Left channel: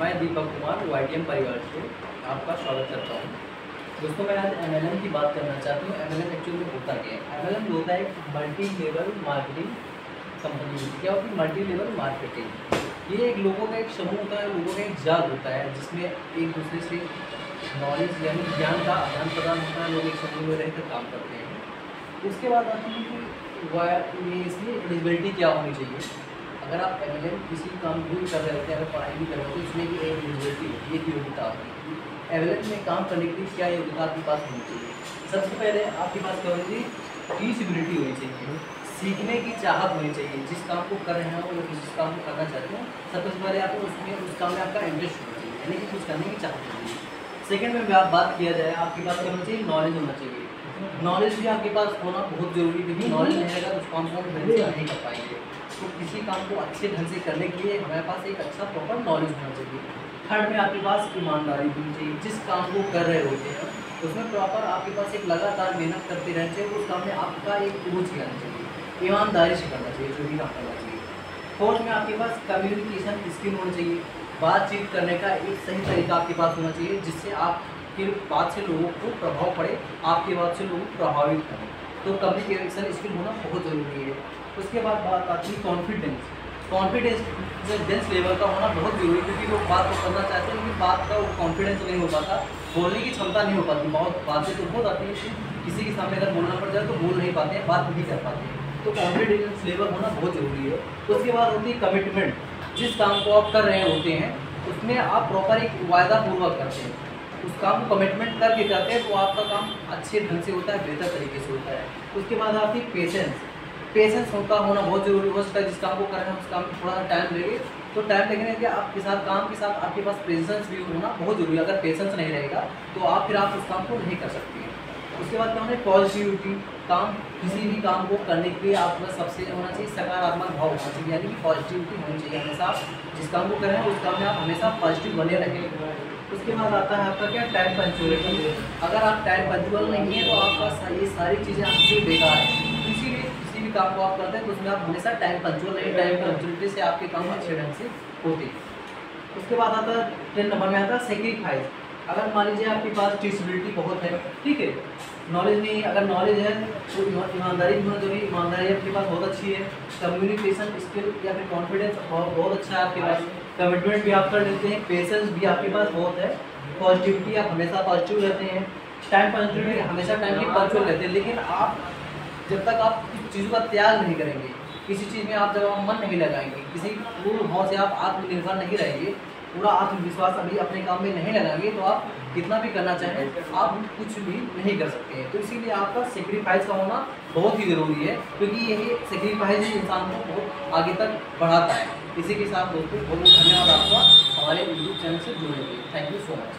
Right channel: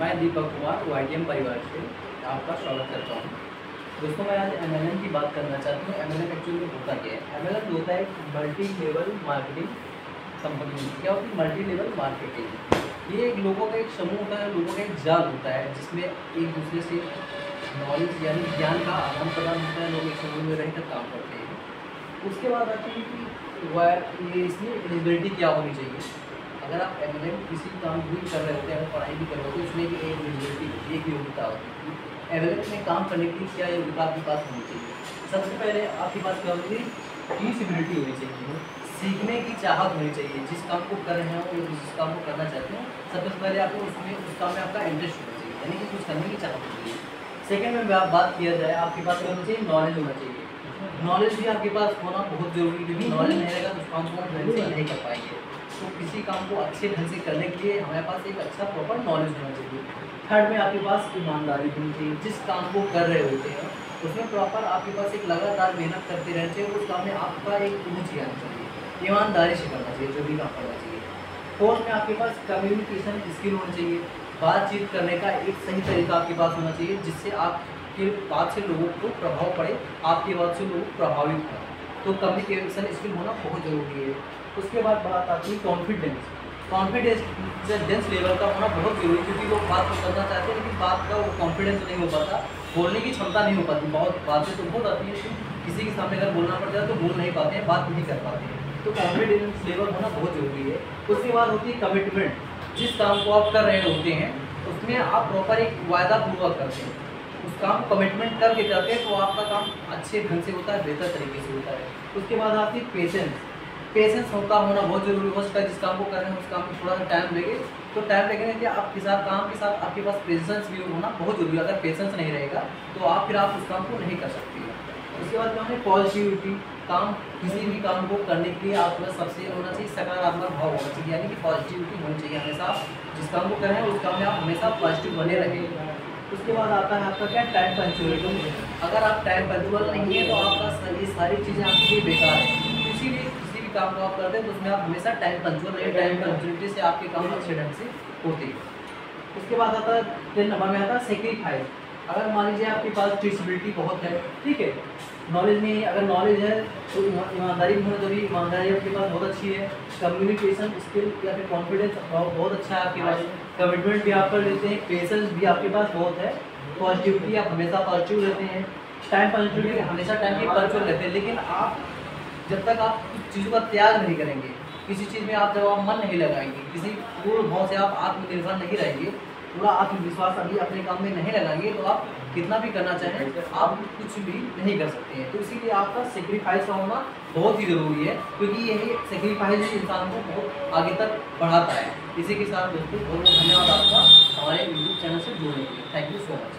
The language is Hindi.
मैं दीपक कुमार YTM परिवार से आपका स्वागत करता हूँ। दोस्तों, मैं आज MLM की बात करना चाहता हूँ। MLM एक्चुअली में होता क्या है? MLM होता है एक मल्टी लेवल मार्केटिंग कंपनी। क्या होती है मल्टी लेवल मार्केटिंग? ये एक लोगों का एक समूह होता है, लोगों का एक जाल होता है जिसमें एक दूसरे से नॉलेज यानी ज्ञान का आदान प्रदान होता है। लोग एक समूह में रहकर काम करते हैं। उसके बाद आती है कि ये इसमें एलिजिबिलिटी क्या होनी चाहिए। अगर आप MLM किसी काम भी कर रहे होते हैं, अगर पढ़ाई भी कर रहे होते हैं, उसमें भी एक एलिजिबिलिटी होती है, एक योग्यता होती है। MLM में काम करने के लिए क्या योग्यता आपके पास होनी चाहिए? सबसे पहले आपके पास क्या होनी चाहिए? टीचिबिलिटी होनी चाहिए, सीखने की चाहत होनी चाहिए। जिस काम को कर रहे हो या जिस काम को करना चाहते हो, सबसे पहले आपको उसमें उस काम में आपका इंटरेस्ट होना चाहिए, यानी कि कुछ करने की चाहत होनी चाहिए। सेकेंड में बात किया जाए, आपके पास क्या होना चाहिए? नॉलेज होना चाहिए। नॉलेज भी आपके पास होना बहुत जरूरी है, क्योंकि नॉलेज नहीं रहेगा तो उस काम को हम ढंग से नहीं कर पाएंगे। तो किसी काम को अच्छे ढंग से करने के लिए हमारे पास एक अच्छा प्रॉपर नॉलेज होना चाहिए। थर्ड में आपके पास ईमानदारी होनी चाहिए। जिस काम को कर रहे होते हैं उसमें प्रॉपर आपके पास एक लगातार मेहनत करते रहना चाहिए। उस काम में आपका एक रुचि आनी चाहिए, ईमानदारी से करना चाहिए जो भी काम करना चाहिए। फोर्थ में आपके पास कम्युनिकेशन स्किल होनी चाहिए। बातचीत करने का एक सही तरीका आपके पास होना चाहिए, जिससे आपके बात से लोगों को प्रभाव पड़े, आपकी बात से लोग प्रभावित करें। तो कम्युनिकेशन स्किल होना बहुत ज़रूरी है। उसके बाद बात आती है कॉन्फिडेंस लेवल का होना बहुत जरूरी है, क्योंकि लोग बात को करना चाहते हैं लेकिन बात का कॉन्फिडेंस नहीं हो पाता, बोलने की क्षमता नहीं हो पाती। बहुत बातें तो बहुत आती है, किसी के सामने अगर बोलना पड़ जाए तो बोल नहीं पाते हैं, बात नहीं कर पाते हैं। तो कॉन्फिडेंस लेवल होना बहुत ज़रूरी है। उसके बाद होती है कमिटमेंट। जिस काम को आप कर रहे होते हैं उसमें आप प्रॉपर एक वायदा पूर्वक करते हैं, उस काम को कमिटमेंट करके करते हैं तो आपका काम अच्छे ढंग से होता है, बेहतर तरीके से होता है। उसके बाद आती है पेशेंस होना बहुत जरूरी हो सकता है। जिस काम को कर रहे हैं उस काम में थोड़ा सा टाइम लगे, तो टाइम लगने के आपके साथ काम के साथ आपके पास पेशेंस भी होना बहुत जरूरी है। अगर पेशेंस नहीं रहेगा तो आप उस काम को नहीं कर सकते हैं। उसके बाद क्या है? पॉजिटिविटी। काम किसी भी काम को करने के लिए आपके पास सबसे होना चाहिए सकारात्मक भाव होना चाहिए, यानी कि पॉजिटिविटी होनी चाहिए। हमेशा आप जिस काम को कर रहे हैं उस काम में आप हमेशा पॉजिटिव बने रहेंगे। उसके बाद आता है आपका क्या? Time punctuality. अगर आप टाइम पंक्चुअल नहीं है तो आपका ये सारी चीज़ें आपके लिए बेकार है। इसीलिए किसी भी काम को आप करते हैं तो उसमें आप हमेशा टाइम पंक्चुअल रहिए। टाइम पंक्चुअलिटी से आपके काम अच्छे ढंग से होते हैं। उसके बाद आता है 10 नंबर में आता है सेक्रीफाइस। अगर मान लीजिए आपके पास टीचिबिलिटी बहुत है, ठीक है, नॉलेज नहीं है, अगर नॉलेज है तो ईमानदारी भी जरूरी। ईमानदारी आपके पास बहुत अच्छी है। कम्युनिकेशन स्किल या फिर कॉन्फिडेंस बहुत अच्छा है आपके पास। कमिटमेंट भी आप कर लेते हैं। पेशेंस भी आपके पास बहुत है। पॉजिटिविटी, आप हमेशा पॉजिटिव रहते हैं। टाइम पंक्चुअलिटी, हमेशा टाइम के पंक्चुअल रहते हैं। लेकिन आप जब तक आप किसी चीज़ का त्याग नहीं करेंगे, किसी चीज़ में आप जब आप मन नहीं लगाएंगे, किसी पूर्ण भाव से आप आत्मनिर्भर नहीं रहेंगे, पूरा आत्मविश्वास अभी अपने काम में नहीं लगाएंगे, तो आप कितना भी करना चाहें आप कुछ भी नहीं कर सकते हैं। तो इसीलिए आपका सेक्रीफाइस का होना बहुत ही ज़रूरी है, क्योंकि यही सेक्रीफाइस ही इंसान को बहुत आगे तक बढ़ाता है। इसी के साथ दोस्तों बहुत बहुत धन्यवाद आपका हमारे YouTube चैनल से जुड़ने के लिए। Thank you so much.